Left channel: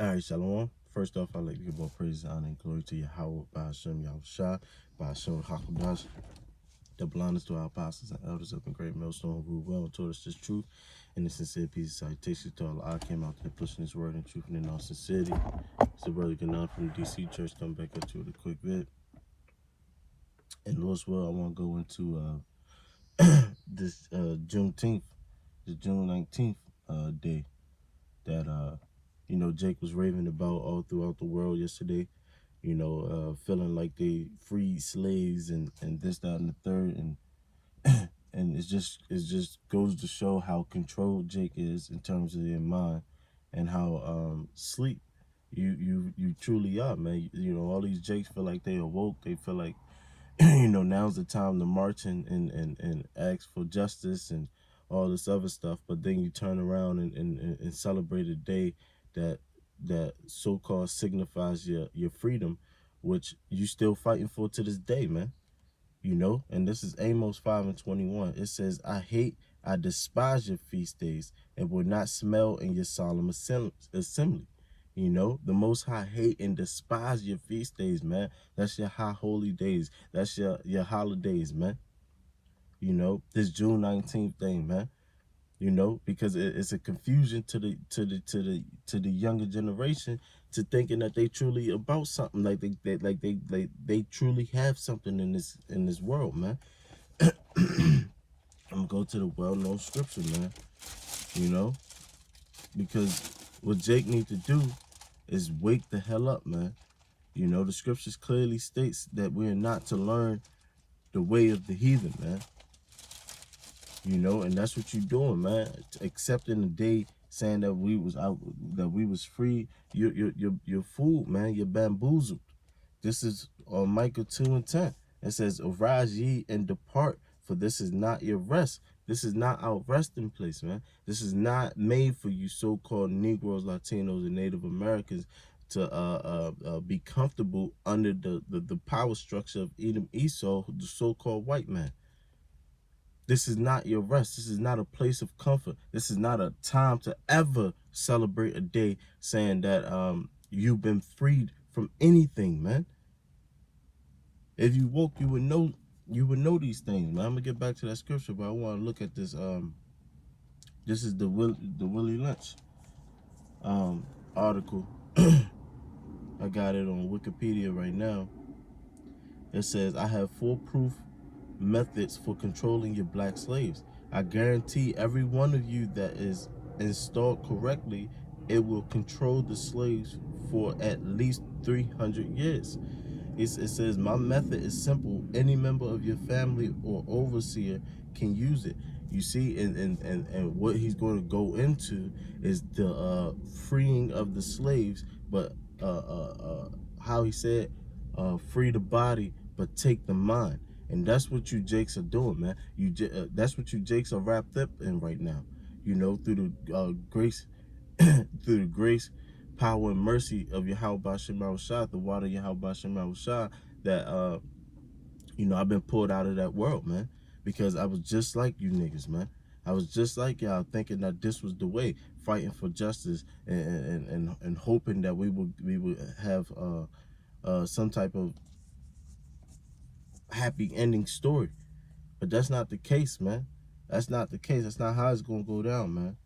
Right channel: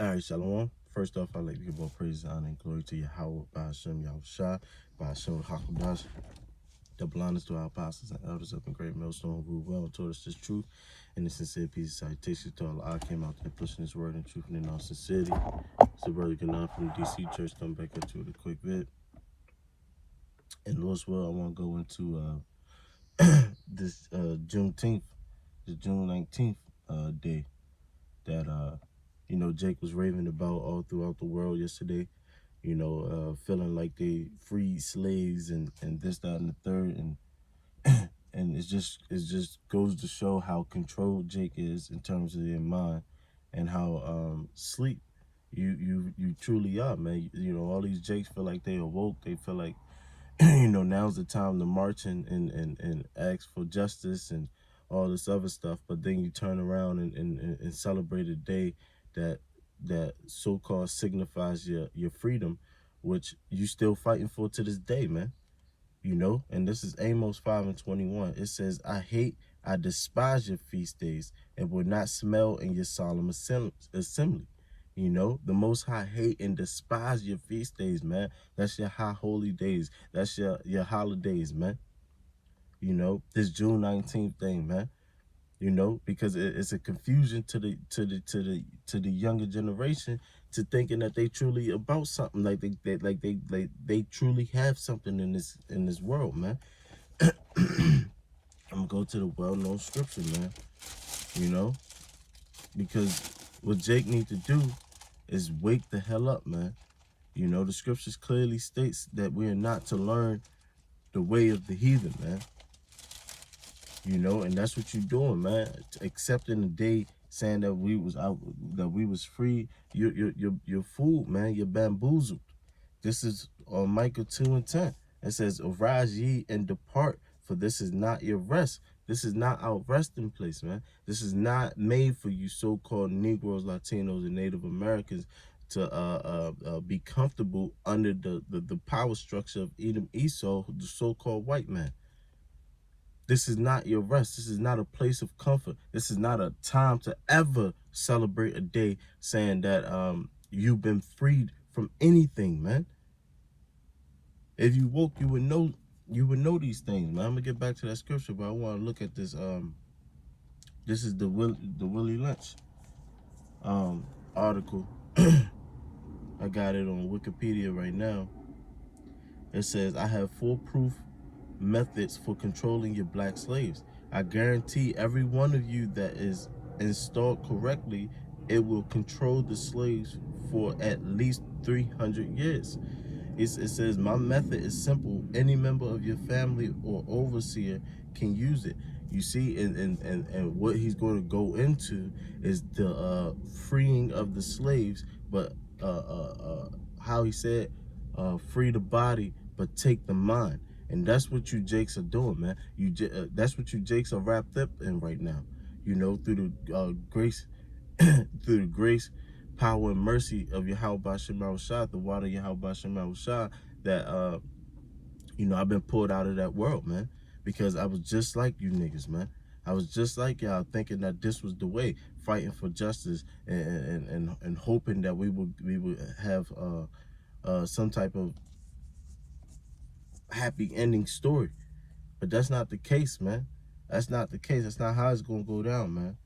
All right, Shalom. First off, I'd like to give all praise, honor, and glory to Yahweh, Ba'ashem, Yahushua, Ba'ashem, Hakudash. Double honors to our apostles and elders up in Great Millstone who rule well and taught us this truth and the sincere peace and citation to Allah. I came out to pushing this word in truth and in all sincerity. It's the brother Ganon from the DC Church. Come back up to it a quick bit. And Lord's will, I want to go into this Juneteenth, the June 19th day that Jake was raving about all throughout the world yesterday. Feeling like they freed slaves and this, that, and the third, and it just goes to show how controlled Jake is in terms of their mind, and how sleep you truly are, man. All these Jakes feel like they awoke. They feel like now's the time to march and ask for justice and all this other stuff. But then you turn around and celebrate a day that so-called signifies your freedom, which you still fighting for to this day, man. And this is Amos 5:21. It says, I despise your feast days and will not smell in your solemn assembly. The Most High hate and despise your feast days, man. That's your high holy days. That's your holidays, man. This June 19th thing, man. Because it's a confusion to the younger generation, to thinking that they truly about something, like they truly have something in this world, man. I'm gonna go to the well-known scripture, man. Because what Jake needs to do is wake the hell up, man. The scriptures clearly states that we are not to learn the way of the heathen, man. And that's what you're doing, man. Accepting the day, saying that we was free. You're fooled, man. You're bamboozled. This is on Micah 2:10. It says, "Arise ye and depart, for this is not your rest." This is not our resting place, man. This is not made for you so-called Negroes, Latinos, and Native Americans to be comfortable under the power structure of Edom Esau, the so-called white man. This is not your rest. This is not a place of comfort. This is not a time to ever celebrate a day saying that you've been freed from anything, man. If you woke, you would know these things, man. I'm gonna get back to that scripture, but I want to look at this. This is the Willie Lynch article. I got it on Wikipedia right now. It says, I have foolproof methods for controlling your black slaves. I guarantee every one of you that is installed correctly, it will control the slaves for at least 300 years. It says, my method is simple. Any member of your family or overseer can use it. You see, and what he's going to go into is the freeing of the slaves, but how he said, free the body, but take the mind. And that's what you Jakes are doing, man. That's what you Jakes are wrapped up in right now. Through the grace, through the grace, power, and mercy of Yahweh Ba'ashem Yahushua, the water of Yahweh Ba'ashem Yahushua, that I've been pulled out of that world, man. Because I was just like you niggas, man. I was just like y'all, thinking that this was the way, fighting for justice and hoping that we would have some type of happy ending story. But that's not the case, man. That's not the case. That's not how it's gonna go down, man.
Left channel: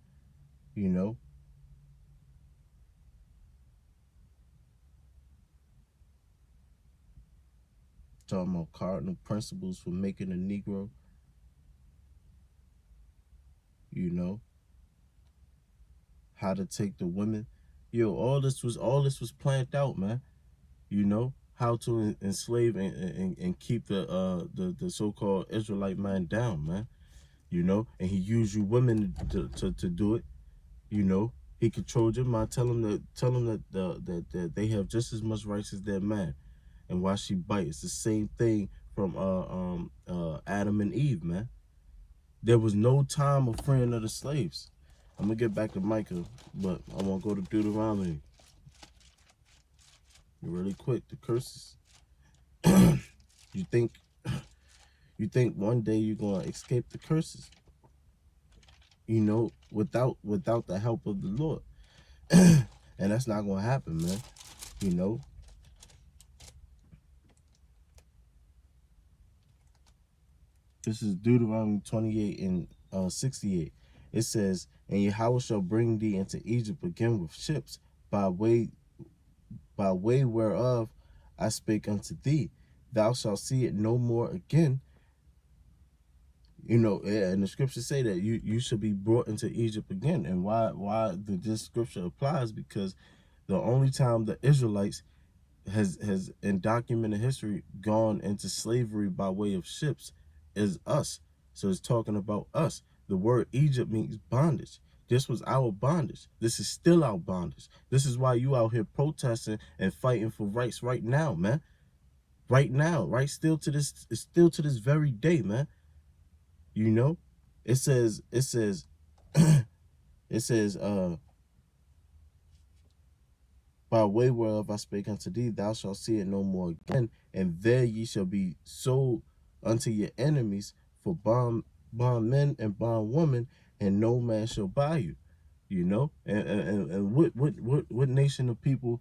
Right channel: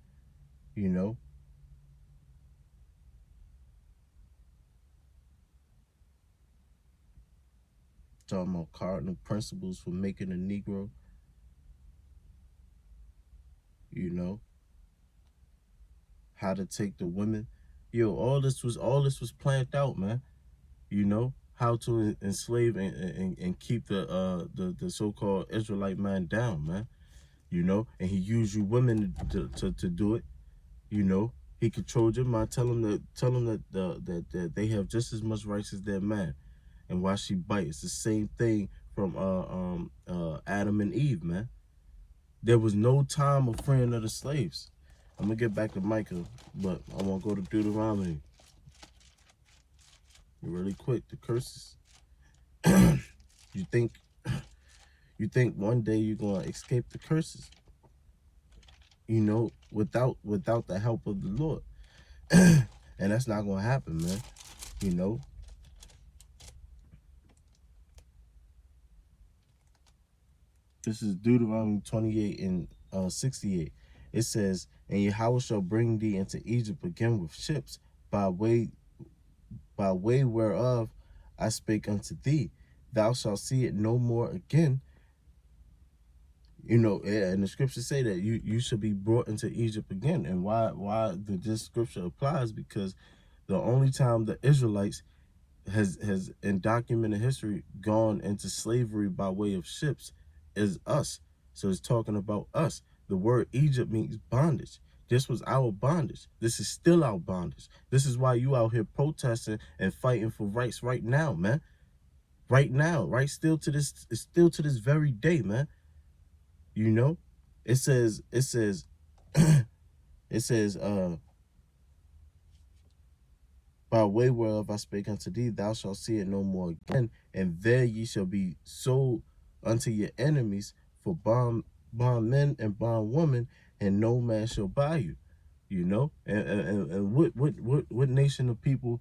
Talking about cardinal principles for making a Negro. How to take the women. All this was planned out, man. How to enslave and keep the so-called Israelite man down, man. And he used you women to do it. He controlled your mind. Tell them that they have just as much rights as their man. And why she bite? It's the same thing from Adam and Eve, man. There was no time of freeing of the slaves. I'm gonna get back to Micah, but I want to go to Deuteronomy really quick. The curses. You think one day you're gonna escape the curses? Without the help of the Lord. And that's not going to happen, man. You know, this is Deuteronomy 28 and 68. It says, and Yahweh shall bring thee into Egypt again with ships by way whereof I spake unto thee. Thou shalt see it no more again. You know, and the scriptures say that you should be brought into Egypt again. And why this scripture applies, because the only time the Israelites has in documented history gone into slavery by way of ships is us. So it's talking about us. The word Egypt means bondage. This was our bondage. This is still our bondage. This is why you out here protesting and fighting for rights right now, man. Right now, right? Still to this very day, man. You know, it says, it says, by way whereof I spake unto thee, thou shalt see it no more again, and there ye shall be sold unto your enemies for bondmen and bondwomen, and no man shall buy you. You know, and what nation of people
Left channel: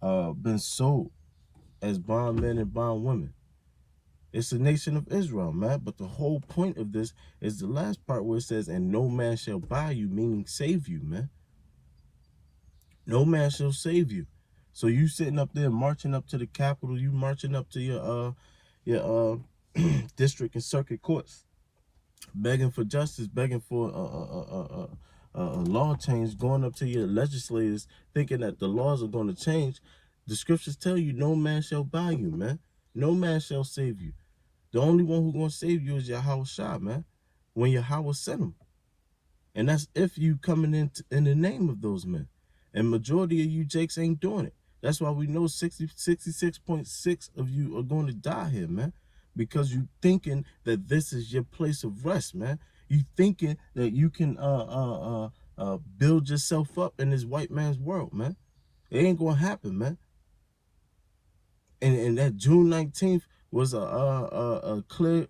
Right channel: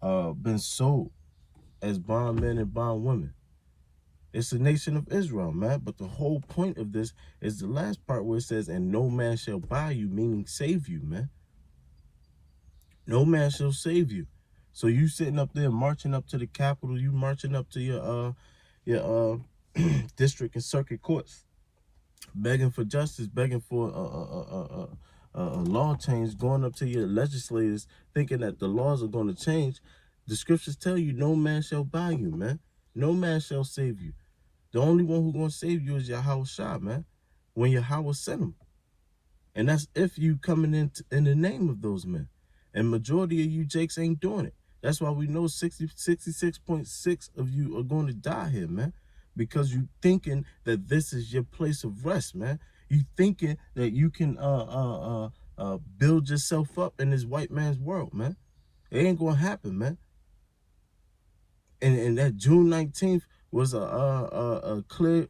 been sold as bondmen and bondwomen? It's the nation of Israel, man. But the whole point of this is the last part where it says, and no man shall buy you, meaning save you, man. No man shall save you. So you sitting up there marching up to the Capitol, you marching up to your district and circuit courts, begging for justice, begging for a law change, going up to your legislators, thinking that the laws are going to change. The scriptures tell you no man shall buy you, man. No man shall save you. The only one who's going to save you is Yahweh Shah, man, when Yahweh sent him. And that's if you coming in the name of those men. And majority of you jakes ain't doing it. That's why we know 66.6 of you are going to die here, man. Because you thinking that this is your place of rest, man. You thinking that you can build yourself up in this white man's world, man. It ain't going to happen, man. And that June 19th was a clear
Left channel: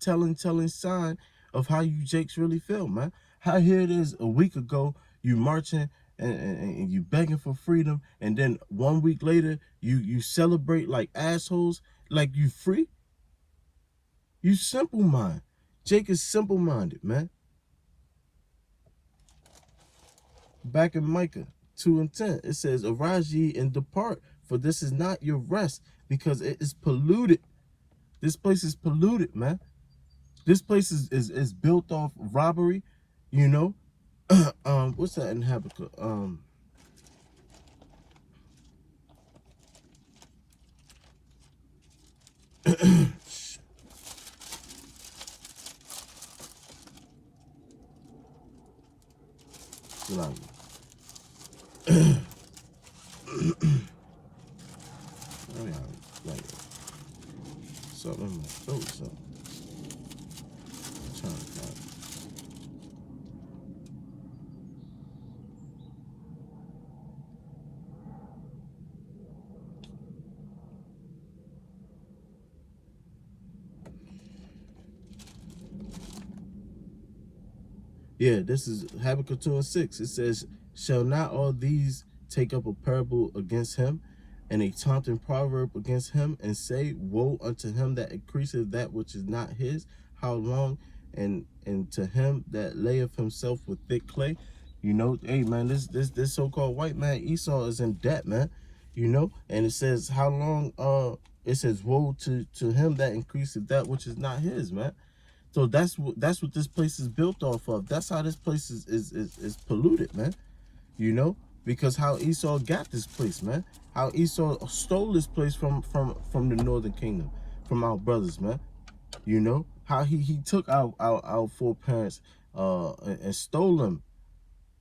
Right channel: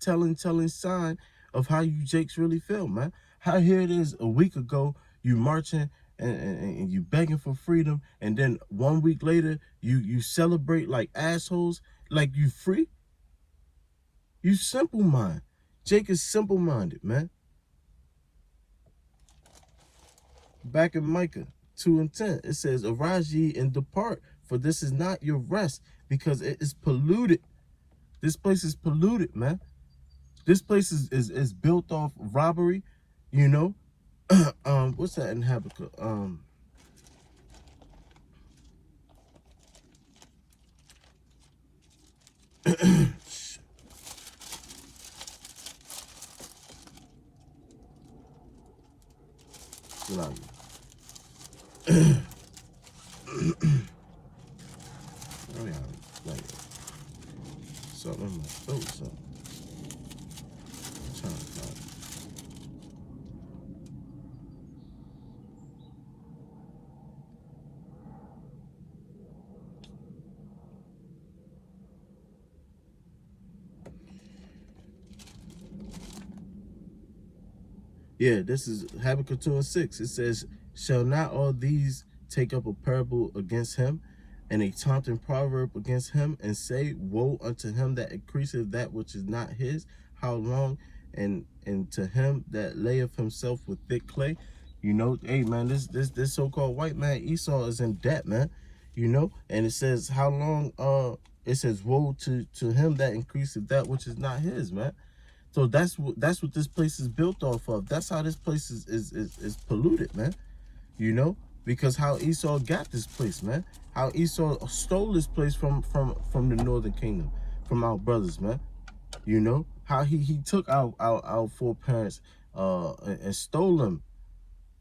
telling sign of how you jakes really feel, man. How here it is a week ago, you marching and you begging for freedom, and then 1 week later you celebrate like assholes, like you free. You simple mind. Jake is simple minded, man. Back in Micah 2 and 10, it says, arise ye and depart, for this is not your rest, because it is polluted. This place is polluted, man. This place is built off robbery, you know. What's that in Habakkuk? Something in my throat, so I'm trying to find it. Yeah, this is Habakkuk 2 and 6. It says, shall not all these take up a parable against him, and a taunting proverb against him, and say, woe unto him that increaseth that which is not his, how long? And to him that layeth himself with thick clay. You know, hey man, this so-called white man Esau is in debt, man. You know, and it says, how long? It says, woe to him that increaseth that which is not his, man. So that's what this place is built off of. That's how this place is polluted, man. You know, because how Esau got this place, man. How Esau stole this place from the northern kingdom, from our brothers, man. You know, how he took our foreparents and stole them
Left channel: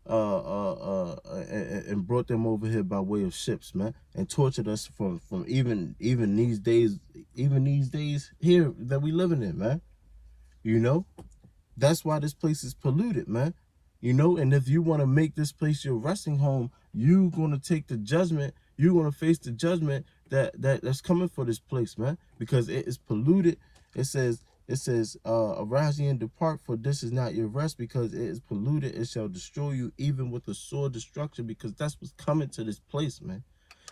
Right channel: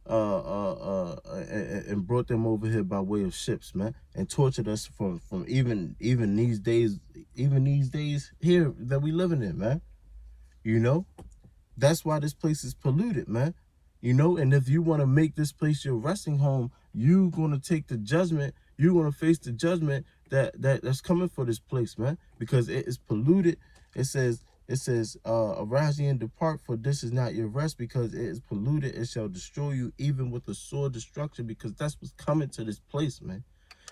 and brought them over here by way of ships, man, and tortured us from even these days here that we living in, man. You know, that's why this place is polluted, man. You know, and if you want to make this place your resting home, you're going to take the judgment. You're going to face the judgment that's coming for this place, man, because it is polluted. It says It says, arise ye and depart, for this is not your rest, because it is polluted. It shall destroy you, even with a sore destruction, because that's what's coming to this place, man.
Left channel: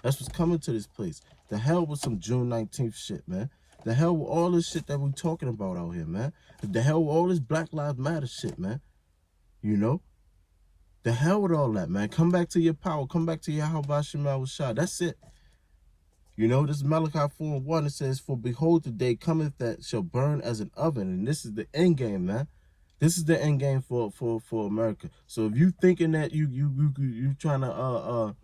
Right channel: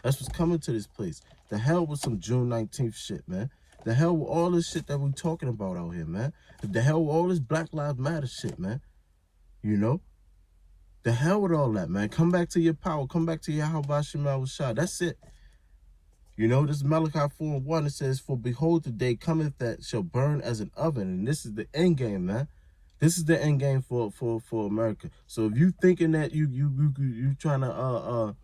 That's what's coming to this place. The hell with some June 19th shit, man. The hell with all this shit that we talking about out here, man. The hell with all this Black Lives Matter shit, man. You know? The hell with all that, man. Come back to your power. Come back to your how Bashima was shot. That's it. You know, this is Malachi 4:1. It says, for behold, the day cometh that shall burn as an oven. And this is the end game, man. This is the end game for America. So if you thinking that you trying to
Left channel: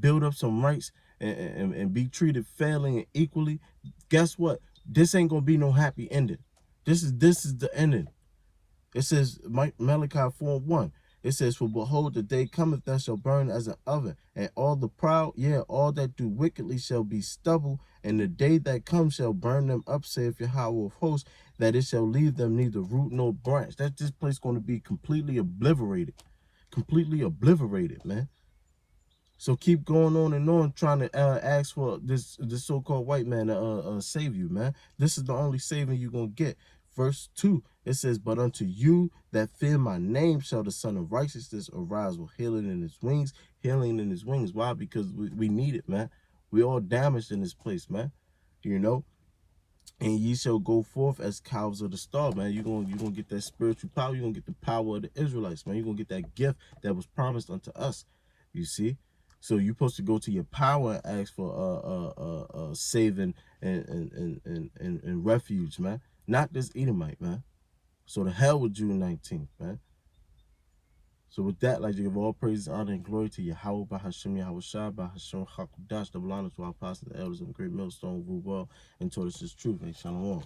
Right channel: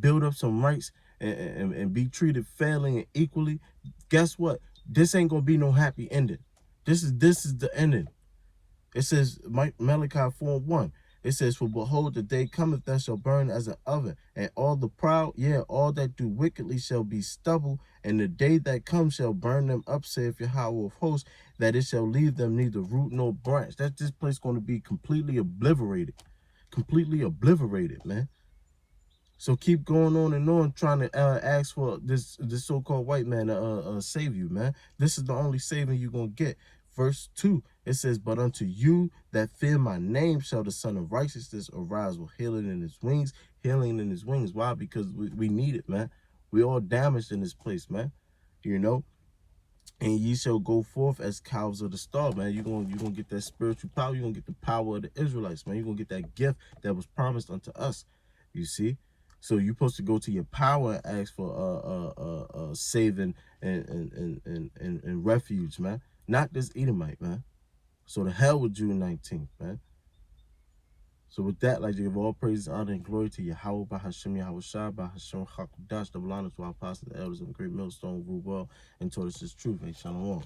build up some rights and be treated fairly and equally, guess what? This ain't gonna be no happy ending. This is the ending. It says Malachi 4:1. It says, for behold, the day cometh that shall burn as an oven, and all the proud, all that do wickedly shall be stubble, and the day that comes shall burn them up, saith Yahweh of hosts, that it shall leave them neither root nor branch. That this place going to be completely obliterated. Completely obliterated, man. So keep going on trying to ask for this so-called white man to save you, man. This is the only saving you're going to get. Verse 2, it says, but unto you that fear my name shall the Son of Righteousness arise with healing in his wings. Healing in his wings. Why? Because we need it, man. We all damaged in this place, man. You know? And ye shall go forth as cows of the stall, man. You're gonna get that spiritual power. You're gonna get the power of the Israelites, man. You're gonna get that gift that was promised unto us. You see? So you're supposed to go to your power and ask for saving and refuge, man. Not this Edomite, man. So the hell with June 19th, man. So with that, I'd like to give all praise, honor, and glory to Yahweh, by Hashem, Yahweh Shai, by Hashem, Hakudash, double honor to our apostles, the elders, and the great millstone, rule well, and taught us his truth. Hey, shalom.